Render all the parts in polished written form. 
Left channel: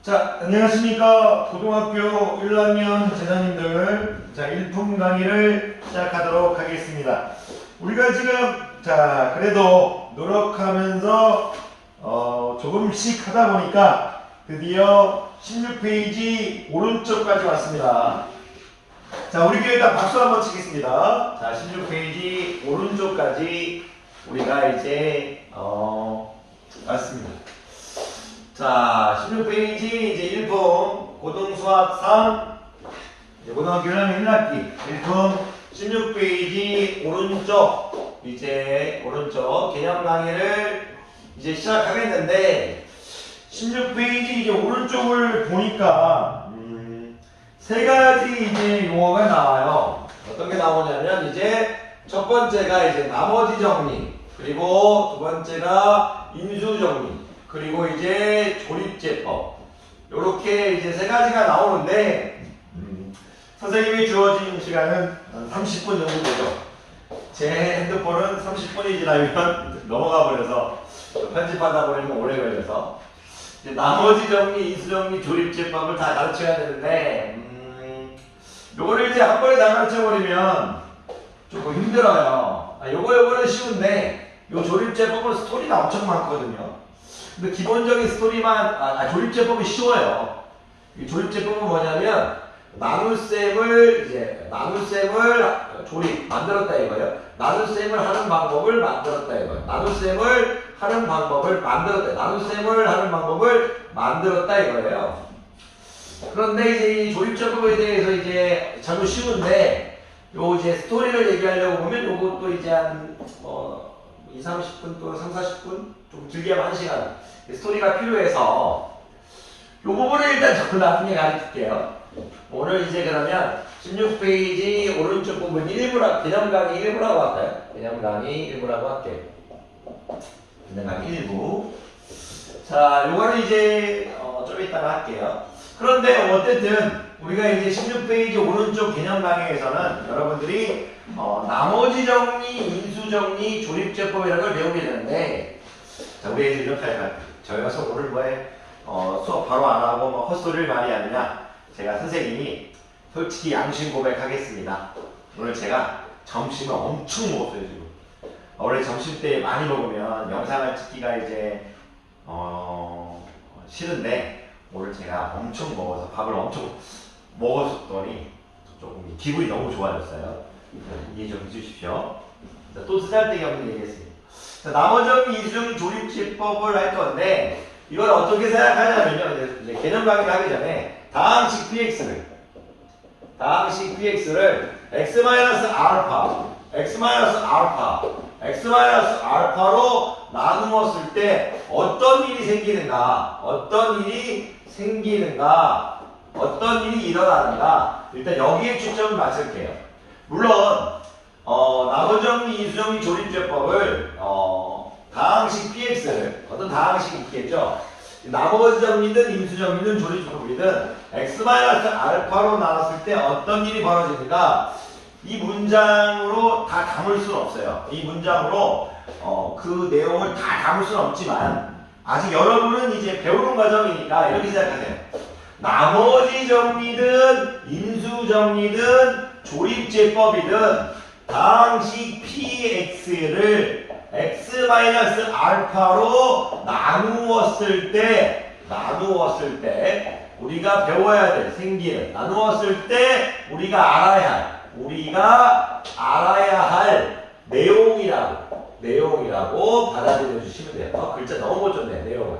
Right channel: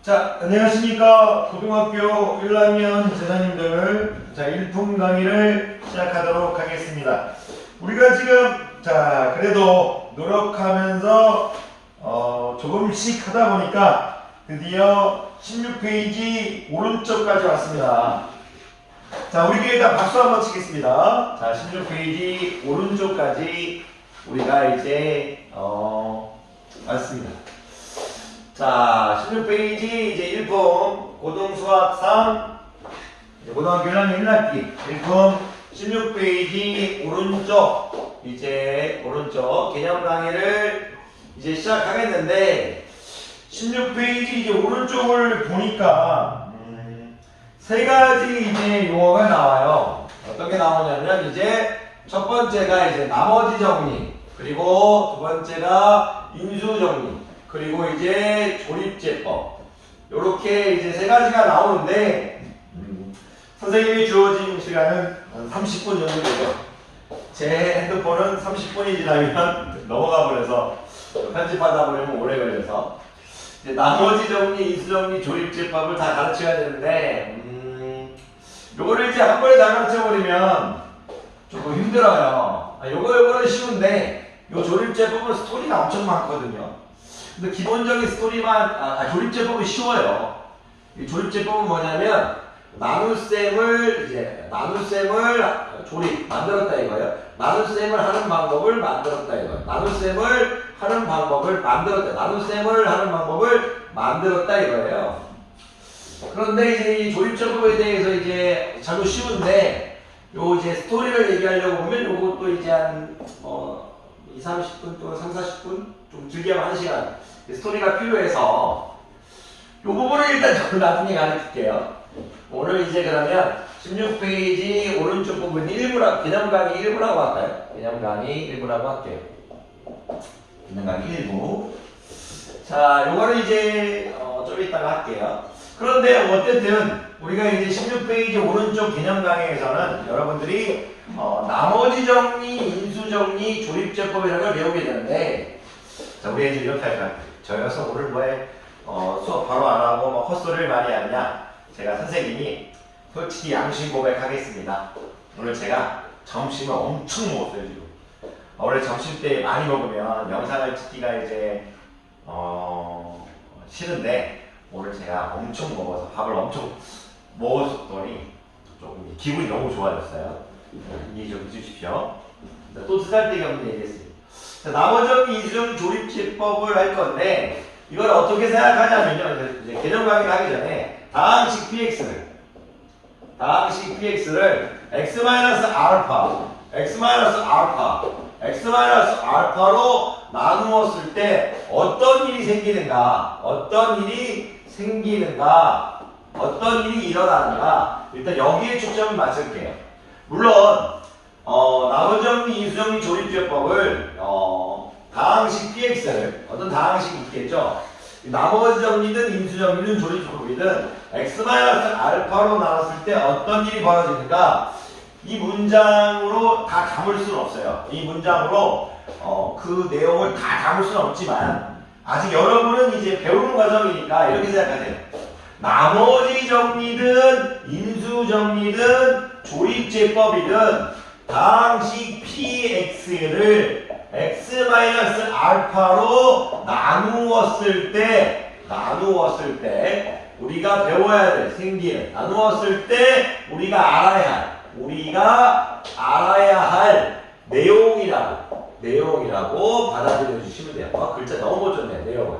자, 안녕하십니까. 고등학교 1학년 제자님들. 자, 일품 강의를 시작하도록 하겠습니다. 우리가 지금, 그래도 노력하면서, 조금씩 하다 보니까 드디어 16페이지 오른쪽까지 왔습니다. 자, 우리 일단 박수 한번 치겠습니다. 자, 16페이지 오른쪽까지 우리가 이제, 왔습니다. 자, 16페이지 이제 1품 고등수학 3 고등학교 1학년 1학기 1품 16페이지 오른쪽 이제 오른쪽 개념 강의를 이제 시작하겠는데 16페이지 이제 오른쪽을 보니까 세 가지 이제 용어가 나와요. 어떤 게 나오냐면 이제 첫 번째가 이제 나머지 정리, 그리고 두 번째가 인수 정리, 그리고 이제 조립제법, 요렇게 이제 세 가지가 나오는데 선생님이 주어진 시간은 30분 정도 되죠. 제 핸드폰은 30분이 지나면 넘어가 버려서 편집하다 보면 오래 걸려서 이제 나머지 정리, 인수 정리, 조립제법을 다 가르쳐야 되는데 요거를 이제 한 번에 다 가르쳐 버리면 조금 힘들어요. 요거는 쉬운데 요 조립제법은 스토리가 엄청 많거든요. 근데 기본적인 스토리만, 조립제법이 쉬워요. 이 조립제법은 뭐냐면, 나눗셈을 조립, 만들었다 이거예요. 나눗셈을 하는 방법을 만들었다 이거예요. 나눗셈을 하는 방법을 만들었다 이거예요. 그런데 이제 이 조립제법에 대해서 이제 잘못 쉬운데, 요 이제 스토리를 얘기하려고 보면 요것도 이제 한, 2, 30분 또는 3, 40분? 좀 길게 하면 1시간. 스토리가 필요해서 요 부분을 일단 저는 나중에 가르칠게요. 오늘 이제 그러면 16페이지 오른쪽 부분 1부라, 개념 강의 1부라고 할까요? 개념 강의 1부라고 할게요. 개념 강의 1부. 자, 요거는 이제 좀 이따가 할게요. 그런데 어쨌든 우리가 이제 16페이지 오른쪽 개념 강의에서는 여러분들이 나머지 정리, 인수 정리, 조립제법이라는 걸 배우게 되는데, 자, 우리 애들 이렇게 할까요? 저희가 오늘 뭐해? 수업 바로 안 하고 뭐 헛소리를 많이 하느냐? 제가 선생님이 솔직히 양심 고백하겠습니다. 오늘 제가 점심을 엄청 먹었어요, 지금. 원래 점심 때 많이 먹으면 영상을 찍기가 이제, 싫은데, 오늘 제가 엄청 먹어서 밥을 엄청 먹었더니 조금 기분이 너무 좋아졌어요. 이해 좀 해주십시오. 또 쓰잘데기 없는 얘기 했습니다. 나머지 이중 조립제법을 할 건데, 이걸 어떻게 생각하냐면요. 이제 개념 강의를 하기 전에 다항식 px를 x-알파로 나누었을 때 어떤 일이 생기는가, 어떤 일이 일어나는가, 일단 여기에 초점을 맞출게요. 물론 나머지 정리, 인수 정리, 조립제법을 다항식 px를 어떤 다항식이 있겠죠. 나머지 정리든 인수 정리든 조립제법이든 x-알파로 나눴을 때 어떤 일이 벌어지는가, 이 문장으로 다 담을 수는 없어요. 이 문장으로 그 내용을 다 담을 수는 없지만 아직 여러분은 이제 배우는 과정이니까 이렇게 생각하세요. 나머지 정리든 인수 정리든 조립제법이든 다항식 px를 x-알파로 나누었을 때 우리가 배워야 될 나누었을 때 우리가 알아야 할 내용이라고 받아들여 주시면 돼요. 글자 너무 못 줬네, 내용을.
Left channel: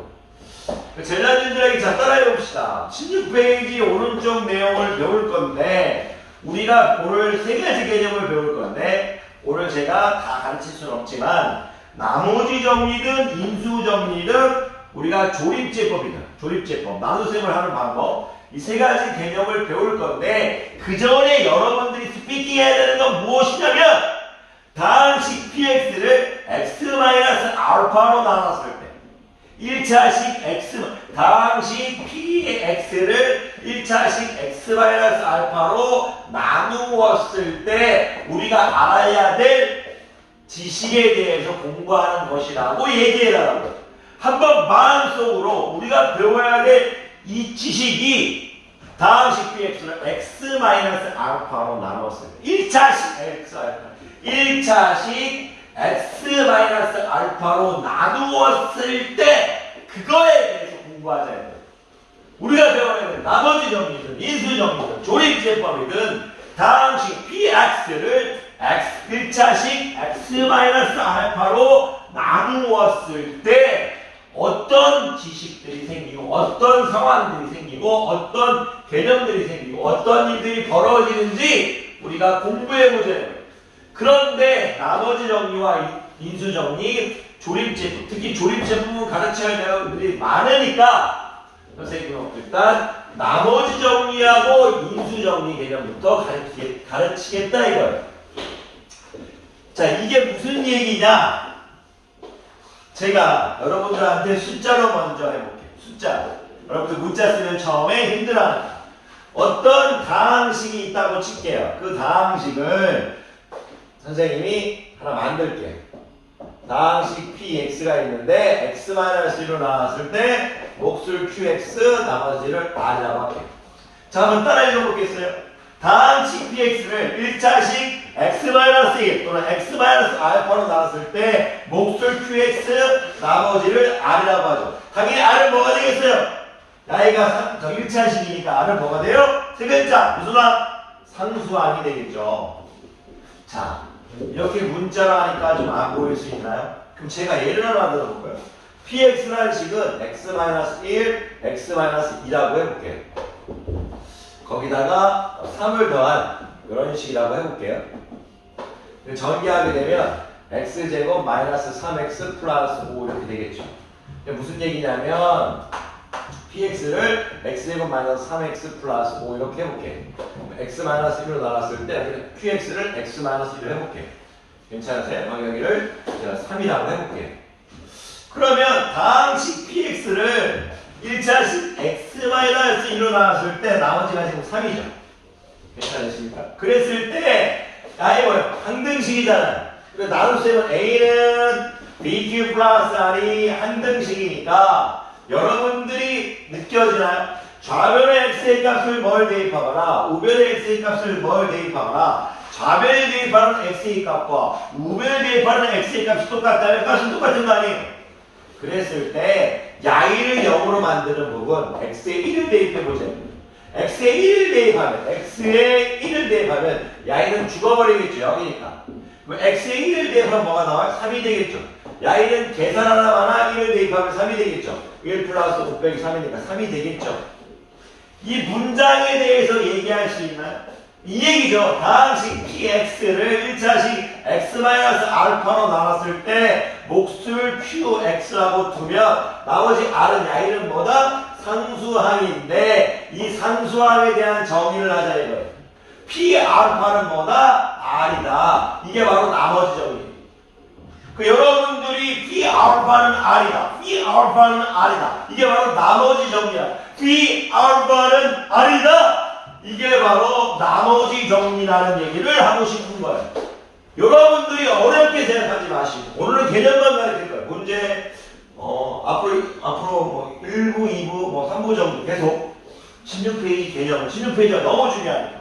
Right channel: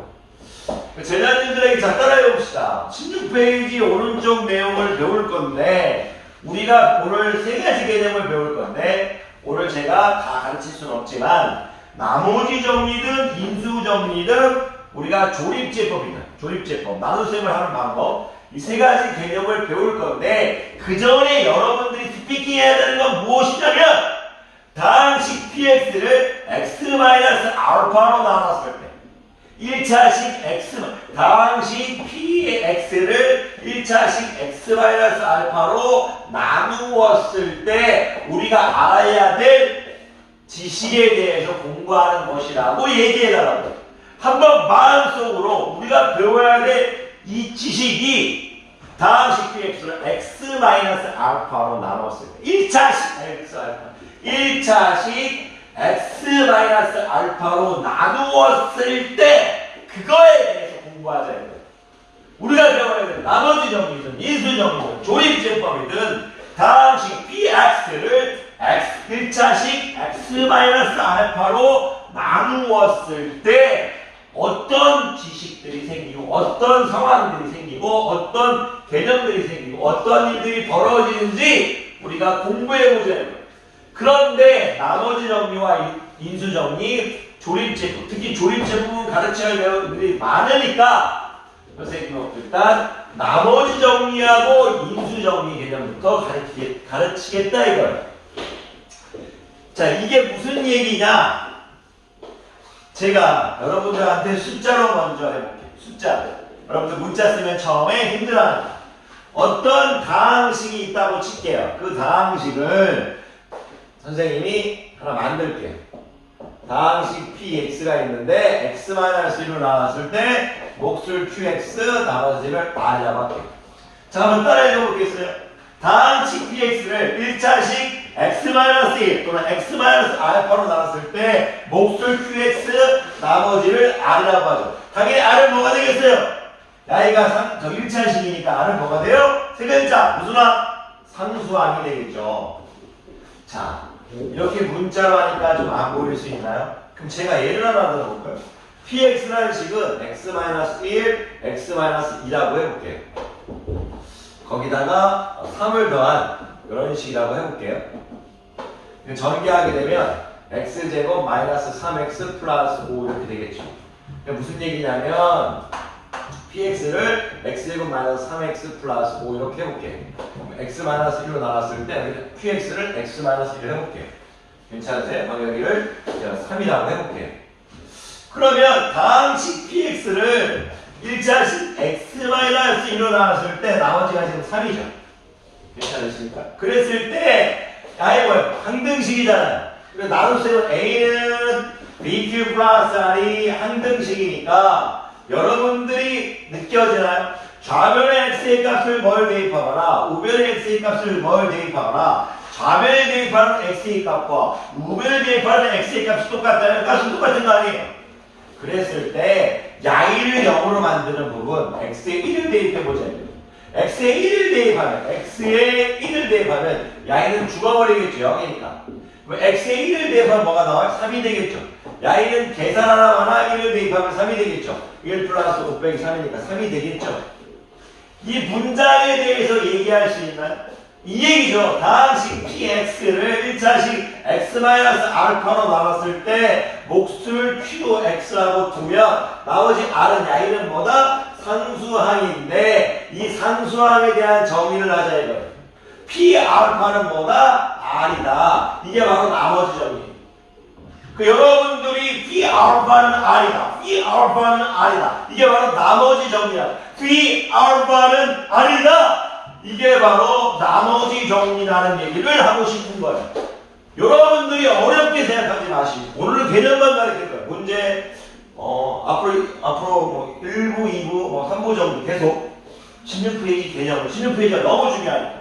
제자님들에게 자, 따라해 봅시다. 16페이지 오른쪽 내용을 배울 건데, 우리가 오늘 세 가지 개념을 배울 건데, 오늘 제가 다 가르칠 수는 없지만, 나머지 정리든 인수 정리든 우리가 조립제법, 나눗셈을 하는 방법, 이 세 가지 개념을 배울 건데, 그 전에 여러분들이 스피킹 해야 되는 건 무엇이냐면, 다항식 px를 x-알파로 나눴을 때, 1차식 다항식 px를 1차식 x-알파로 나누었을 때 우리가 알아야 될 지식에 대해서 공부하는 것이라고 얘기해달라고. 한번 마음속으로 우리가 배워야 될 이 지식이 다음식 px를 x-알파로 나눴을 때 1차식 x-알파 1차식 x-알파로 나누었을 때 그거에 대해서 공부하자. 우리가 배워야 될 나머지 정리든 인수정리든 조립제법이든 다음식 px를 1차식 x-알파로 나누었을 때 어떤 지식들이 생기고 어떤 상황들이 생기고 어떤 개념들이 생기고 어떤 일들이 벌어지는지 우리가 공부해보자는 거예요. 그런데 나머지 정리와 인수정리, 조립제품, 특히 조립제품은 가르쳐야 할 내용들이 많으니까 선생님은 일단 나머지 정리하고 인수정리 개념부터 가르치겠다 이거예요. 자, 이게 무슨 얘기냐? 제가 여러분들한테 숫자로 먼저 해볼게요. 숫자. 여러분들 문자 쓰면 처음에 힘들어하는 어떤 다항식이 있다고 칠게요. 그 다항식을 선생님이 하나 만들게요. 다항식 px가 있는데 x-1로 나왔을 때 몫을 qx 나머지를 r이라고 할게요. 자, 한번 따라 읽어보겠어요. 다항식 px를 1차식 x-1 또는 x-알파로 나왔을 때 몫을 qx 나머지를 r이라고 하죠. 당연히 r은 뭐가 되겠어요? y가 1차식이니까 r은 뭐가 돼요? 세 글자 무슨 항? 상수항이 되겠죠. 자, 이렇게 문자로 하니까 좀 안 보일 수 있나요? 그럼 제가 예를 하나 들어볼까요? px라는 식은 x-1, x-2라고 해볼게요. 거기다가 3을 더한 이런 식이라고 해볼게요. 전개하게 되면 x제곱 마이너스 3x 플러스 5 이렇게 되겠죠. 무슨 얘기냐면 px를 x제곱 마이너스 3x 플러스 5 이렇게 해볼게요. x 마이너스 1로 나눴을 때 qx를 x 마이너스 1로 해볼게요. 괜찮으세요? 여기를 제가 3이라고 해볼게요. 그러면 다항식 px를 1차식 x-1로 나왔을 때 나머지가 지금 3이죠. 괜찮으십니까? 그랬을 때 뭐예요? 항등식이잖아요. 그래서 나눗셈은 a는 bq 플러스 r이 항등식이니까 여러분들이 느껴지나요? 좌변의 x의 값을 뭘 대입하거나 우변의 x의 값을 뭘 대입하거나 좌변에 대입하는 x의 값과 우변에 대입하는 x의 값이 똑같다면 값은 똑같은 거 아니에요? 그랬을 때 y를 0으로 만드는 부분 x에 1을 대입해보자요. x에 1을 대입하면 x에 1을 대입하면 y는 죽어버리겠죠. 0이니까. 그럼 x에 1을 대입하면 뭐가 나와요? 3이 되겠죠. y는 계산 하나만 1을 대입하면 3이 되겠죠. 1 플러스 5 빼기 3이니까 3이 되겠죠. 이 문장에 대해서 얘기할 수 있나요? 이 얘기죠. 다항식 px를 1차식 x-알파로 나눴을 때 몫을 qx라고 두면 나머지 r은 y는 뭐다? 상수항인데 이 상수항에 대한 정의를 하자 이거예요. p알파는 뭐다? r이다. 이게 바로 나머지 정의. 여러분들이 p알파는 r이다. p알파는 r이다. 이게 바로 나머지 정의야. p알파는 r이다. 이게 바로 나머지 정리라는 얘기를 하고 싶은 거예요. 여러분들이 어렵게 생각하지 마시고 오늘은 개념만 가르칠 거예요. 문제 앞으로 1부, 2부, 3부 정도 계속 16페이지 개념을 16페이지가 너무 중요하니까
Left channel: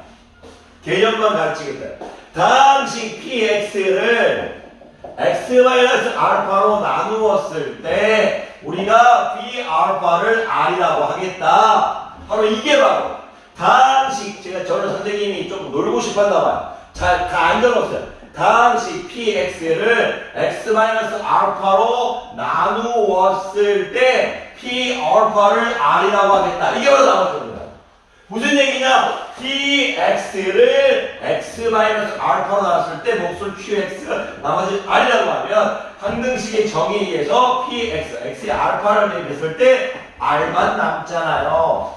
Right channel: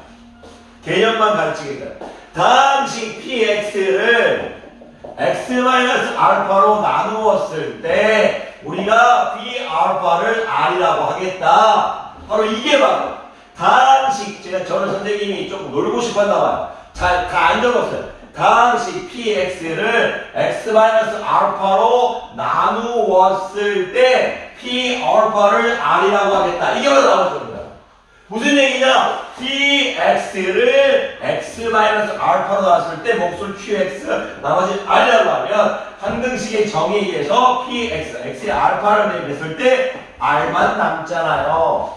개념만 가르치겠다. 다항식 px를 x-알파로 나누었을 때 우리가 p알파를 r이라고 하겠다. 바로 이게 바로 다항식 저는 선생님이 조금 놀고 싶었나 봐요. 다 안 적었어요. 다항식 px를 x-알파로 나누었을 때 p알파를 r이라고 하겠다. 이게 바로 나머지 겁니다. 무슨 얘기냐? px를 x-알파로 나왔을 때 몫을 qx 나머지 r이라고 하면 항등식의 정의에 의해서 x의 알파를 대입했을 때 r만 남잖아요.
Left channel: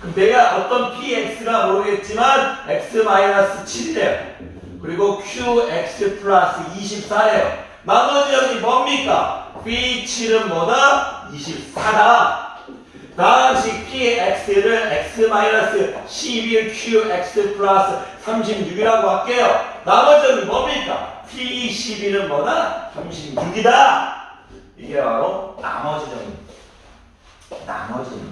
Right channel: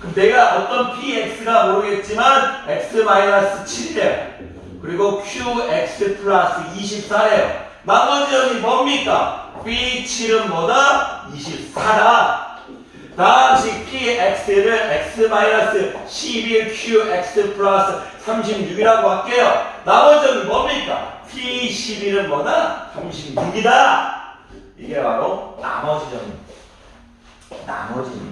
그럼 내가 어떤 px가 모르겠지만 x-7이래요. 그리고 qx 플러스 24예요. 나머지 정의 뭡니까? b7은 뭐다? 24다. 다항식 px를 x-11 qx 플러스 36이라고 할게요. 나머지 정의 뭡니까? P11은 뭐다? 36이다. 이게 바로 나머지 정리. 나머지 정리.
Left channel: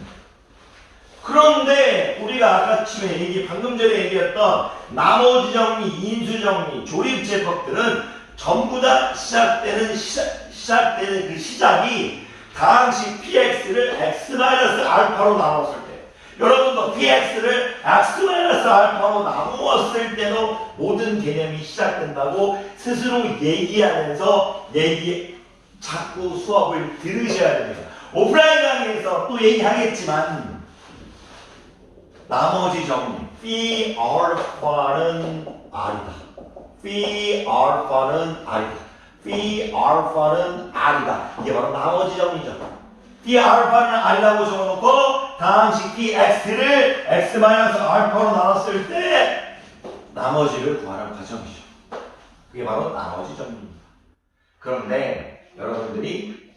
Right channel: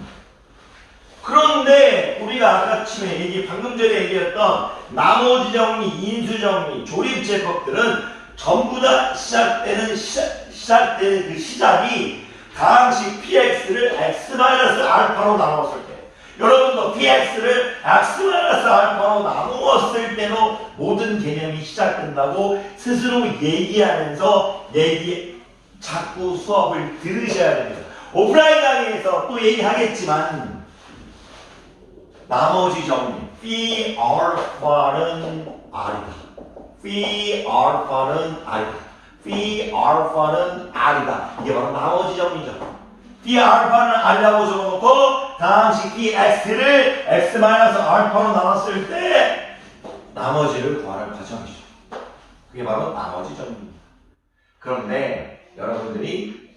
그런데 우리가 아까 처음에 방금 전에 얘기했던 나머지 정리, 인수 정리, 조립 제법들은 전부 다 시작되는 그 시작이 다항식 px를 x-알파로 나눴을 때, 여러분도 px를 x-알파로 나누었을 때도 모든 개념이 시작된다고 스스로 얘기하면서 자꾸 수업을 들으셔야 됩니다. 오프라인 강의에서 또 얘기하겠지만 나머지 정리 phi 알파는 r이다. phi 알파는 r이다. phi 알파는 r이다. 이게 바로 나머지 정리죠. phi 알파는 r이라고 적어놓고 다항식 px를 x-알파로 나눴을 때 나머지를 구하라는 과정이죠. 그게 바로 나머지 정리입니다. 그런데 여러분들이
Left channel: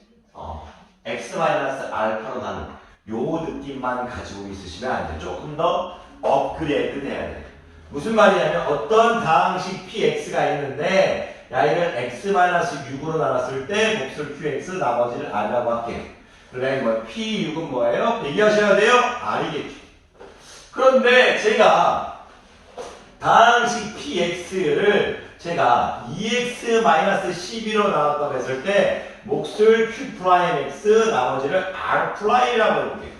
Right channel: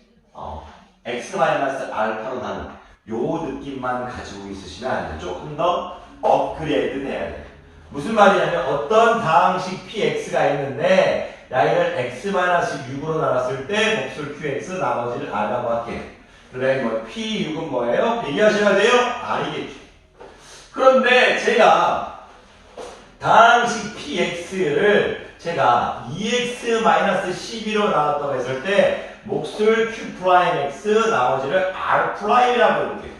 x-알파로 나눈 요 느낌만 가지고 있으시면 안 돼요. 조금 더 업그레이드 돼야 돼요. 무슨 말이냐면 어떤 다항식 px가 있는데 y를 x-6으로 나눴을 때 몫을 qx 나머지를 r이라고 할게요. 그래 뭐 p6은 뭐예요? 얘기하셔야 돼요? r이겠죠. 그런데 제가 다항식 px를 제가 2x-12로 나왔다고 했을 때 몫을 q'x 나머지를 r'이라고 해볼게요.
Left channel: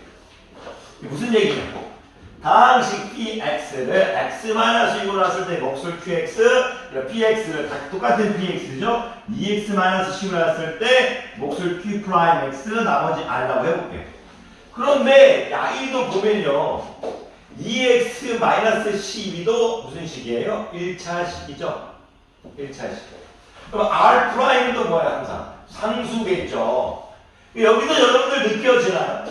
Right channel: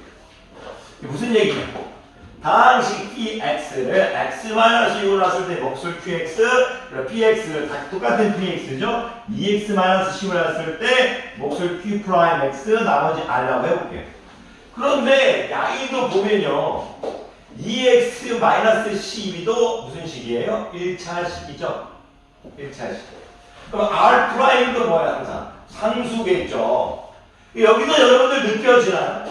무슨 얘기냐고? 다항식 px를 x-6으로 나왔을 때 몫을 qx, px를 똑같은 px죠? 2x-10으로 나왔을 때 몫을 q'x 나머지 r라고 해볼게요. 그런데 야이도 보면요, 2x-12도 무슨 식이에요? 1차식이죠? 1차식. 그럼 r'도 뭐야 항상? 상수겠죠. 여기도 여러분들 느껴지나요?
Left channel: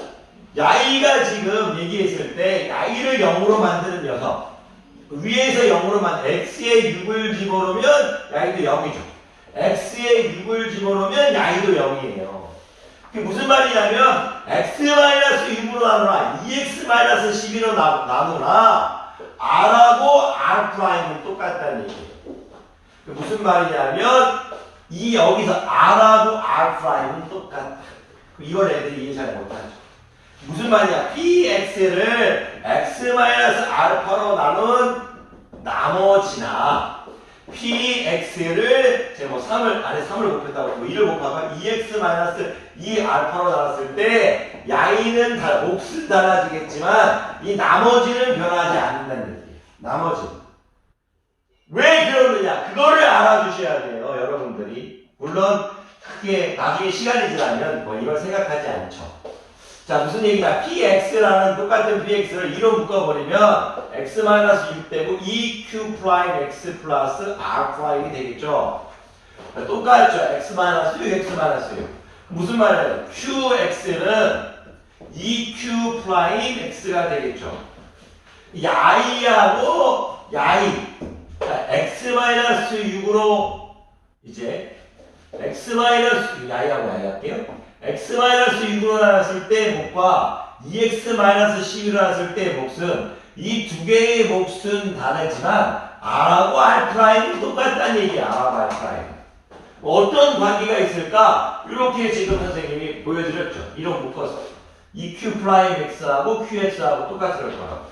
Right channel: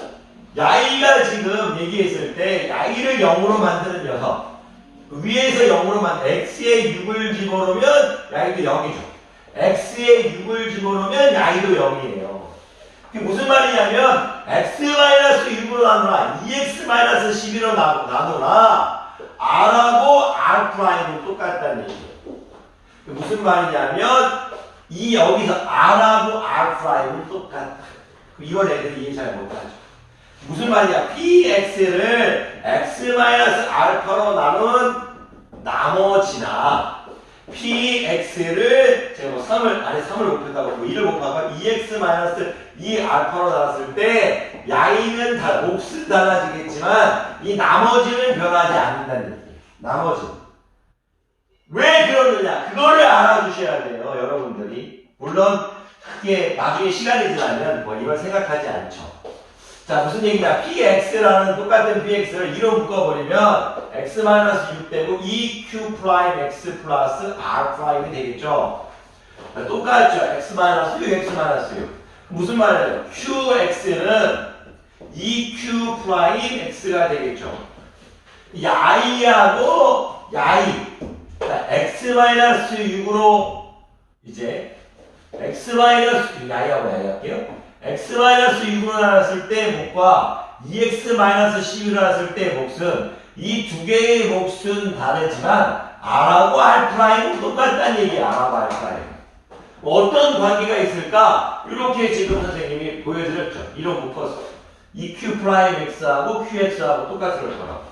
야이가 지금 얘기했을 때 야이를 0으로 만드는 녀석, 위에서 0으로 x에 6을 집어넣으면 야이도 0이죠. x에 6을 집어넣으면 야이도 0이에요. 그게 무슨 말이냐면 x-6으로 나누나 2x-12로 나누나 r하고 r'은 똑같다는 얘기예요. 무슨 말이냐면 이 여기서 r하고 r'은 똑같다. 이걸 애들이 이해 잘 못하죠. 무슨 말이야? px를 x-알파로 나눈 나머지나 px를 제가 뭐 3을 안에 3을 곱했다고 1을 곱하면 2x-2알파로 나눴을 때 야이는 몫은 달라지겠지만 이 나머지는 변하지 않는다는 얘기예요. 나머지. 왜 그러느냐? 그거를 알아주셔야 돼요, 여러분들이. 물론 크게 나중에 시간이 지나면 뭐 이걸 생각하지 않죠. 자, 무슨 얘기냐? px라는 똑같은 px를 2로 묶어버리면 x-6 되고 2q'x 플러스 r'이 되겠죠. 똑같죠. x-6, x-6. 무슨 말이에요? qx는 2q'x가 되겠죠. 이 i하고 야이, x-6으로 이제 야이하고 야이 할게요. x-6으로 나눴을 때 몫과 2x-12로 나눴을 때 몫은 이 두 개의 몫은 다르지만 r하고 r'은 똑같다는 얘기야. r하고 r'은. 어떤 관계가 있을까? 이렇게 지금 선생님이 보여드렸죠. 이런 묶어서 2q'x하고 qx하고 똑같은 거라고.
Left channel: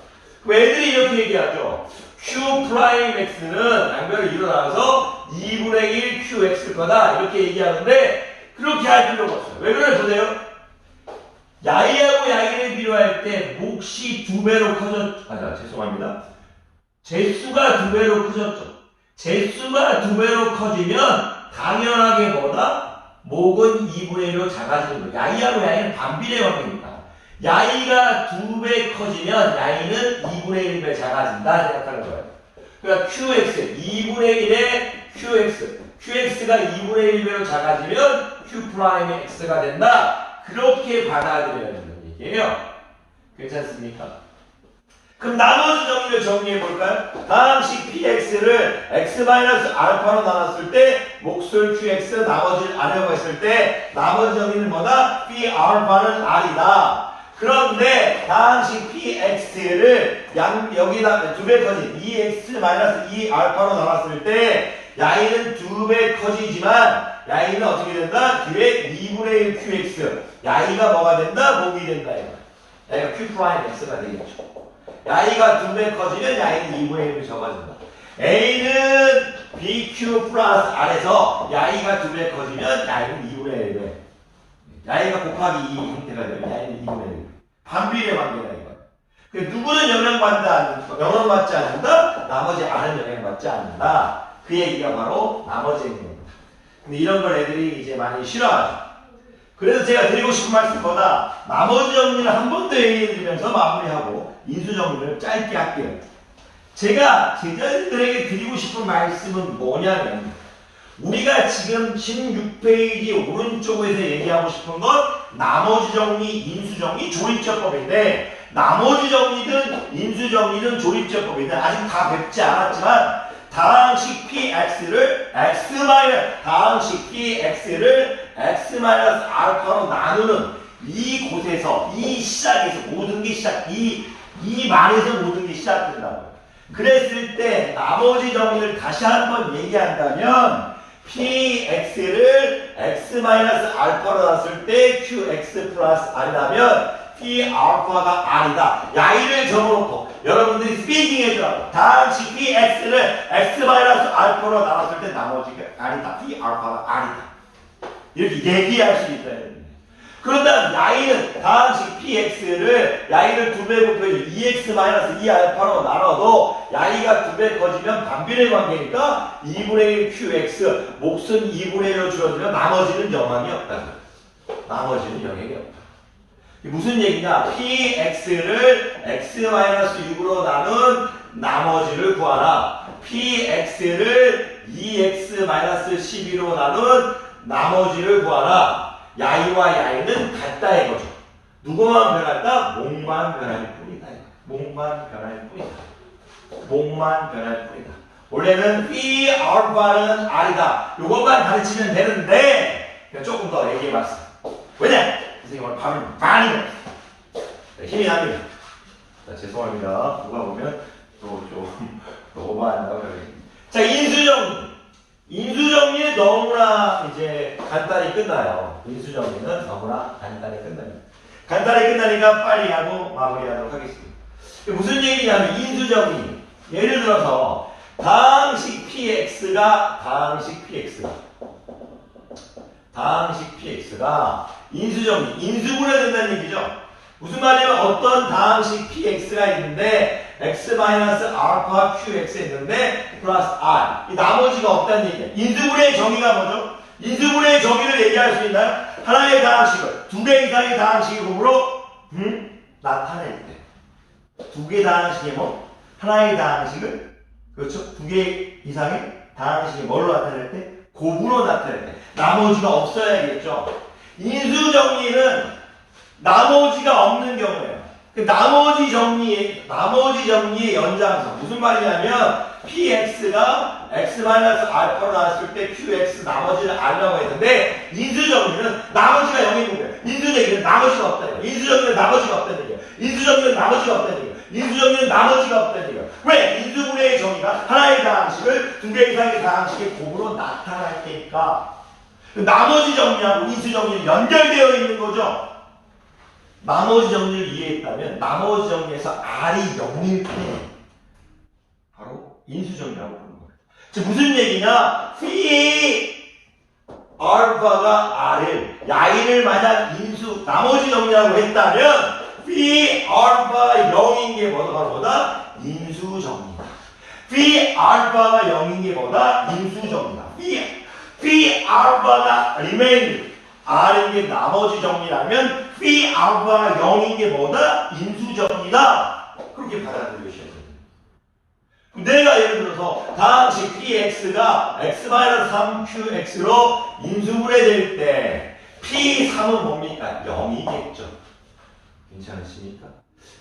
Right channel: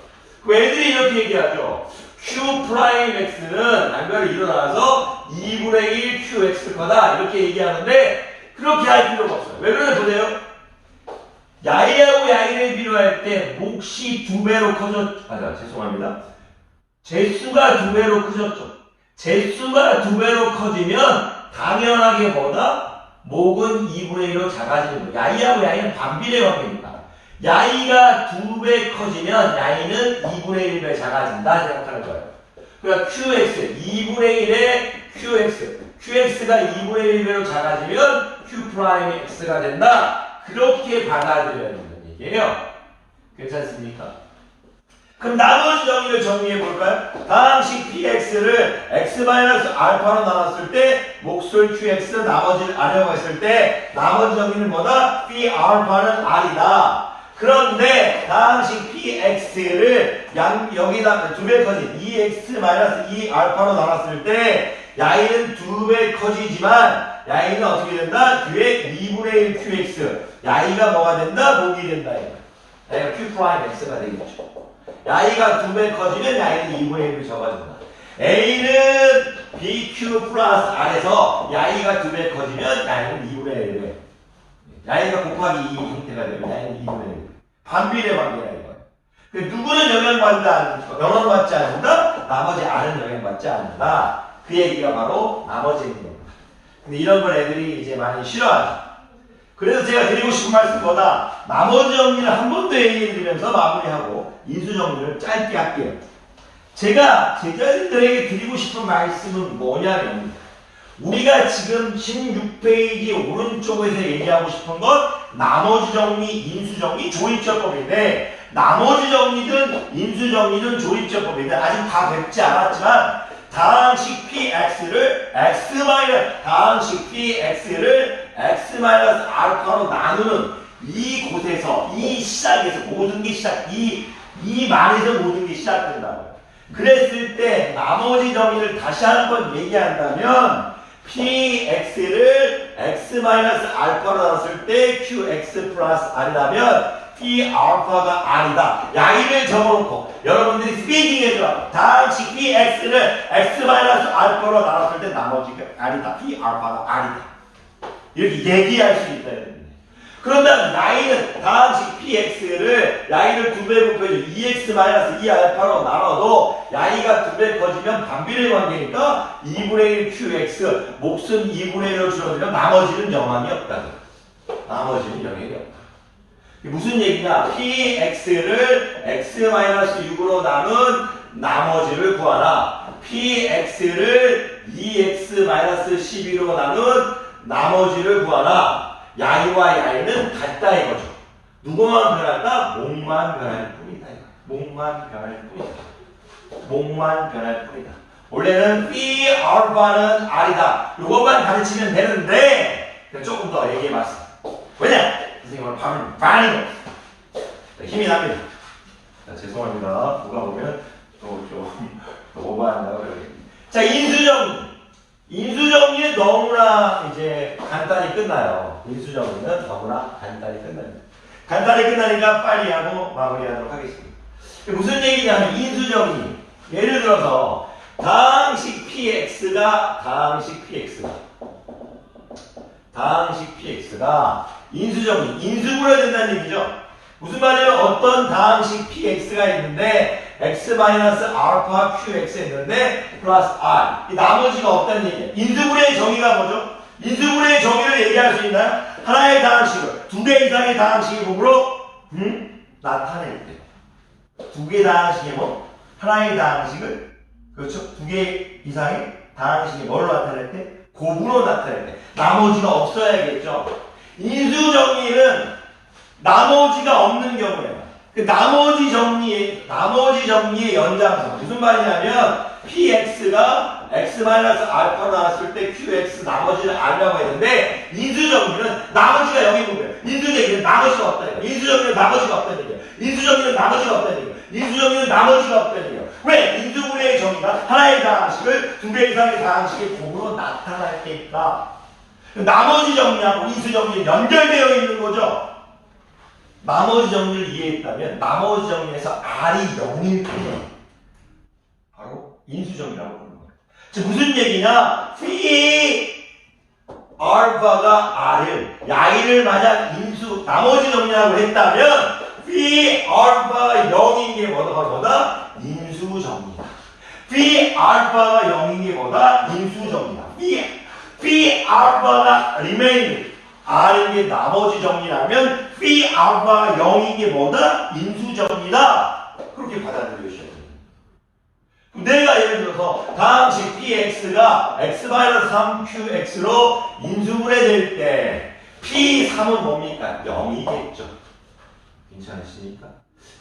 그 애들이 이렇게 얘기하죠. q'x는 양변을 일어나서 2분의 1 qx 거다 이렇게 얘기하는데 그렇게 할 필요가 없어요. 왜 그래 보세요. 야이하고 야이를 비교할 때 몫이 2배로 커졌죠. 죄송합니다. 제수가 2배로 커졌죠. 제수가 2배로 커지면 당연하게 뭐다? 몫은 2분의 1로 작아지는 거예요. 야이하고 야이는 반비례 관계입니다. 야이가 2배 커지면 야이는 2분의 1배 작아진다 생각하는 거예요. 그러니까 qx 2분의 1의 qx가 2분의 1배로 작아지면 q'x가 된다. 그렇게 받아들여야 된다는 얘기예요. 괜찮습니까? 그럼 나머지 정의를 정리해 볼까요? 다항식 px를 x-알파로 나눴을 때 몫을 qx 나머지를 r이라고 했을 때 나머지 정의는 뭐다? phi 알파는 r이다. 그런데 다항식 px를 여기다 2배 커진 2x-2알파로 나눴을 때 야이는 2배 커지지만 야이는 어떻게 된다? 뒤에 2분의 1 qx. 야이가 뭐가 된다? 목이 된다. 야이가 q 프라임 x가 되겠죠. 야이가 2배 커지면 야이는 2분의 1로 적어진다. a는 bq 플러스 r에서 야이가 2배 커지면 야이는 2분의 1배. 야이가 곱하기 2 형태가 되면 야이는 2분의 1. 반비례 관계다 이거. 누구는 영향받지 않는다? 나머지 r은 영향받지 않는다. 그 얘기가 바로 나머지 행동입니다. 근데 이런 걸 애들이 이제 많이 싫어하죠. 그래서 제가 드리고 싶은 말씀보다 나머지 정리를 한 번 더 얘기해 드리면서 마무리하고 인수 정리를 짧게 할게요. 제가 제자들에게 드리고 싶은 말씀은 뭐냐면 우리가 지금 16페이지 오른쪽에서 얘기하고 싶은 건 나머지 정리, 인수 정리, 조립제법인데 나머지 정리든 인수 정리든 조립제법인데 아직 다 뵙지 않았지만 다항식 px를 다항식 px를 x-알파로 나누는 이 곳에서 이 시작에서 모든 게 이 말에서 모든 게 시작된다고. 그랬을 때 나머지 정리를 다시 한번 얘기한다면 px를 x-알파로 나눴을 때 qx 플러스 r이라면 p 알파가 r이다. 야이를 적어놓고 여러분들이 스피킹 해주라고. 다항식 px를 x-알파로 나눴을 때 나머지가 r이다. p 알파가 r이다. 이렇게 얘기할 수 있다. 그런다 야이는 다항식 px를 야이를 2배 곱해서 2x-2알파로 나눠도 야이가 2배 커지면 반비례 관계니까 2분의 1 qx 몫은 2분의 1로 줄어들면 나머지는 영향이 없다. 나머지는 영향이 없다. 무슨 얘기냐? px를 x-6으로 나눈 나머지를 구하라. px를 2x-12로 나눈 나머지를 구하라. 야이와 야이는 같다 이거죠. 누구만 변할까? 목만 변할 뿐이다. 목만 변할 뿐이다. 목만 변할 뿐이다. 원래는 p 알파는 r이다. 이것만 가르치면 되는데 조금 더 얘기해봤어. 왜냐? 선생님 오늘 발음 많이 힘이 납니다. 자, 죄송합니다. 누가 보면 좀 오버한다고 그러겠습니다. 자, 인수정리는 너무나 이제 간단히 끝나요. 인수정리는 너무나 간단히 끝납니다. 간단히 끝나니까 빨리 하고 마무리하도록 하겠습니다. 무슨 얘기냐면 인수정리. 예를 들어서 다항식 px가 인수정리, 인수분해 된다는 얘기죠. 무슨 말이냐면 어떤 다항식 px가 있는데 x-알파 qx 있는데 플러스 r 이 나머지가 없다는 얘기예요. 인수분해의 정의가 뭐죠? 인수분해의 정의를 얘기할 수 있나요? 하나의 다항식을 두 개 이상의 다항식의 곱으로 나타낼 때 두 개 다항식의 뭐 하나의 다항식을 그렇죠? 두 개 이상의 다항식이 뭘로 나타낼 때? 곱으로 나타낼 때 나머지가 없어야겠죠. 인수정리는 나머지가 없는 경우예요. 그 나머지 정리의 연장선 무슨 말이냐면 px가 x-알파로 나왔을 때 qx 나머지는 r라고 했는데 인수정리는 나머지가 0인 거예요. 인수정리는 나머지가 없다는 거예요. 인수정리는 나머지가 없다는 거예요. 인수정리는 나머지가 없다는 거예요. 인수정리는 나머지가 없다는 거예요. 왜? 인수분해의 정의가 하나의 다항식을 두 개 이상의 다항식의 곱으로 나타날 테니까 나머지 정리하고 인수정리는 연결되어 있는 거죠. 나머지 정리를 이해했다면 나머지 정리에서 r이 0일 때 바로 인수정리라고 하는 거예요. 즉 무슨 얘기냐? phi 알파가 r을 야이를 만약 나머지 정리라고 했다면 phi 알파가 0인 게 뭐다? 인수정리다. phi 알파가 0인 게 뭐다? 인수정리다. phi 알파가 remain r인 게 나머지 정리라면 phi 알파가 0인 게 뭐다? 인수정리다. 그렇게 받아들여주셔야 돼요. 내가 예를 들어서 다항식 px가 x-3qx로 인수분해될 때 p3은 뭡니까? 0이겠죠. 괜찮으십니까?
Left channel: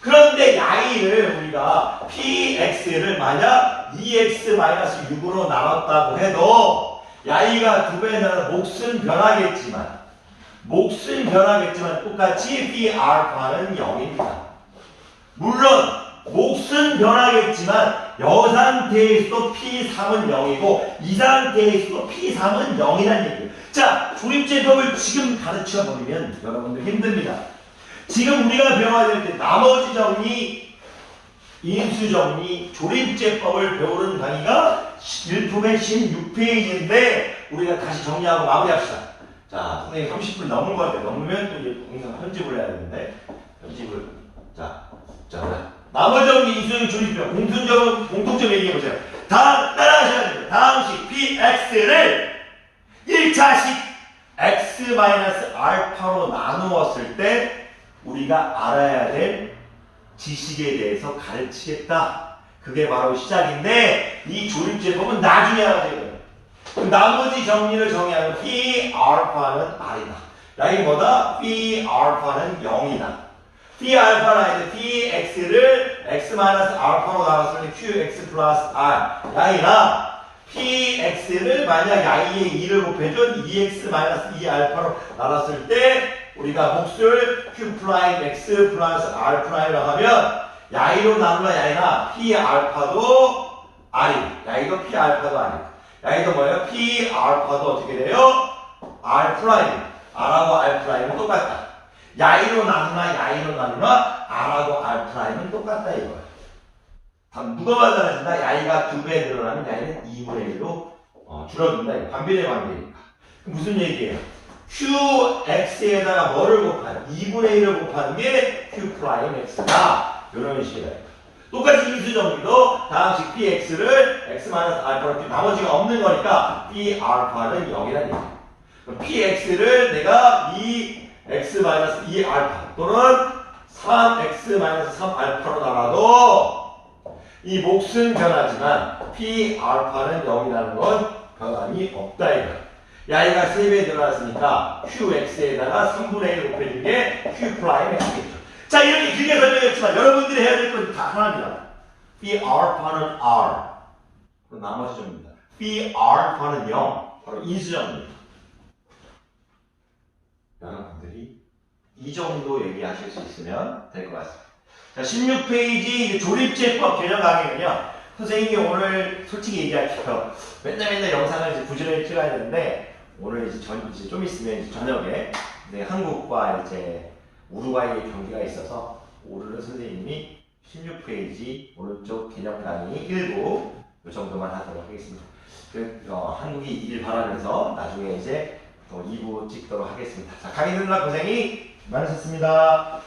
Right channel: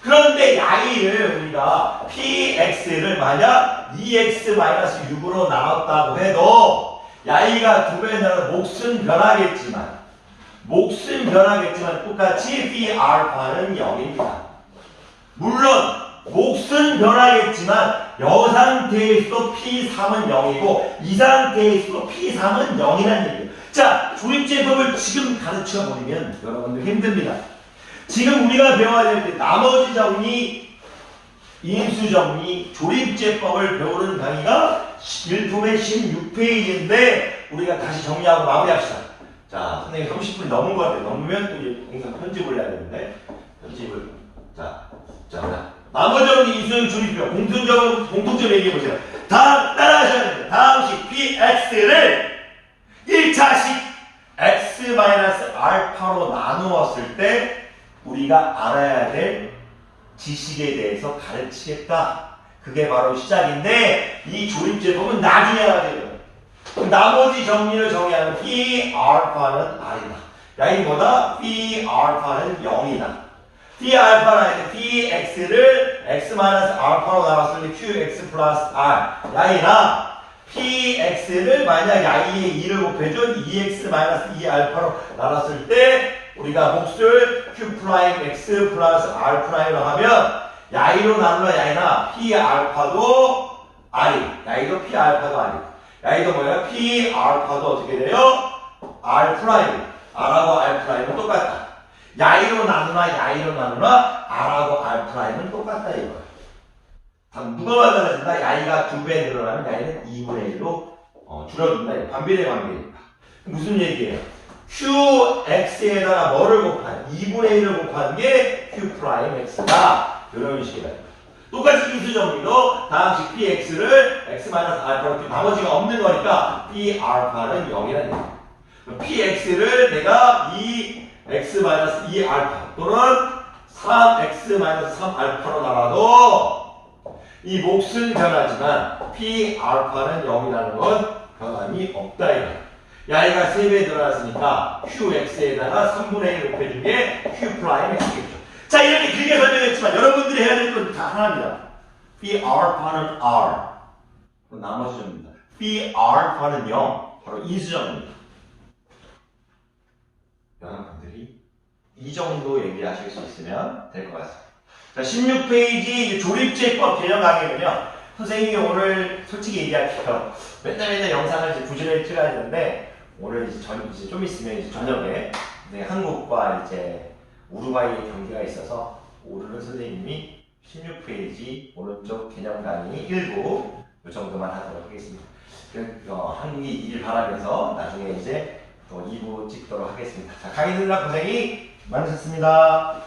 그런데 야이를 우리가 px를 만약 2x-6으로 나눴다고 해도 야이가 두 배 나눠 몫은 변하겠지만 똑같이 phi 알파는 0입니다. 물론 몫은 변하겠지만 여 상태에서도 P3은 0이고 이 상태에서도 P3은 0이라는 얘기예요. 자, 조립제법을 지금 가르쳐 버리면 여러분들 힘듭니다. 지금 우리가 배워야 될 때 나머지 정리, 인수 정리, 조립제법을 배우는 강의가 일품의 16페이지인데 우리가 다시 정리하고 마무리합시다. 자, 선생님 30분 넘은 것 같아요. 넘으면 또 이제 편집을 해야 되는데 편집을 자 나머지 정리, 인수 조립법 공통점 얘기해 보세요. 다음 따라하셔야 됩니다. 다음식 px를 1차식 x-알파로 나누었을 때 우리가 알아야 될 지식에 대해서 가르치겠다. 그게 바로 시작인데 이 조립제법은 나중에 알아야 돼요. 나머지 정리를 정의하는 p 알파는 r이다. 라인 뭐다? p 알파는 0이다. p 알파는 p x를 x-알파로 나왔을 때 qx 플러스 r 라인아 p x를 만약 y에 2를 곱해준 2x-2 알파로 나눴을 때 우리가 몫을 q 프라임 x 플러스 r 프라임으로 하면 야이로 나누면 야이나 p 알파도 i, 야이도 p 알파도 i, 야이도 뭐예요? p 알파도 어떻게 돼요? r 프라임, r하고 r 프라임은 똑같다. 야이로 나누나 야이로 나누나 r하고 r 프라임은 똑같다 이거예요. 누가 많아진다? 야이가 2배 늘어나면 야이는 2분의 1로 줄어든다. 반비례 관계니까. 무슨 얘기예요? qx에다가 뭐를 곱하는 2분의 1을 곱하는 게 q 프라임 x다. 이런 식이다. 똑같이 인수정리도 다음식 px를 x-알파로 나머지가 없는 거니까 p 알파는 0이라는 얘기야. px를 내가 2x-2 알파 또는 3x-3 알파로 나가도 이 몫은 변하지만 p 알파는 0이라는 건 변함이 없다 이거야. 야이가 3배 늘어났으니까 qx에다가 3분의 1 곱해준 게 q 프라임 x겠죠. 자, 이렇게 길게 설명했지만 여러분들이 해야 될 건 다 하나입니다. p 알파는 r. 그럼 나머지 점입니다. p 알파는 0. 바로 인수점입니다. 여러분들이 이 정도 얘기하실 수 있으면 될 것 같습니다. 자, 16페이지 조립제법 개념 강의는요. 선생님이 오늘 솔직히 얘기할게요. 맨날 영상을 이제 부지런히 찍어야 되는데 오늘 이제 좀 있으면 이제 저녁에 한국과 이제 우루과이 경기가 있어서 오늘은 선생님이 16페이지 오른쪽 개념 강의 1부 이 정도만 하도록 하겠습니다. 한국이 이길 바라면서 나중에 이제 2부 찍도록 하겠습니다. 자, 강의 듣느라 고생이 많으셨습니다.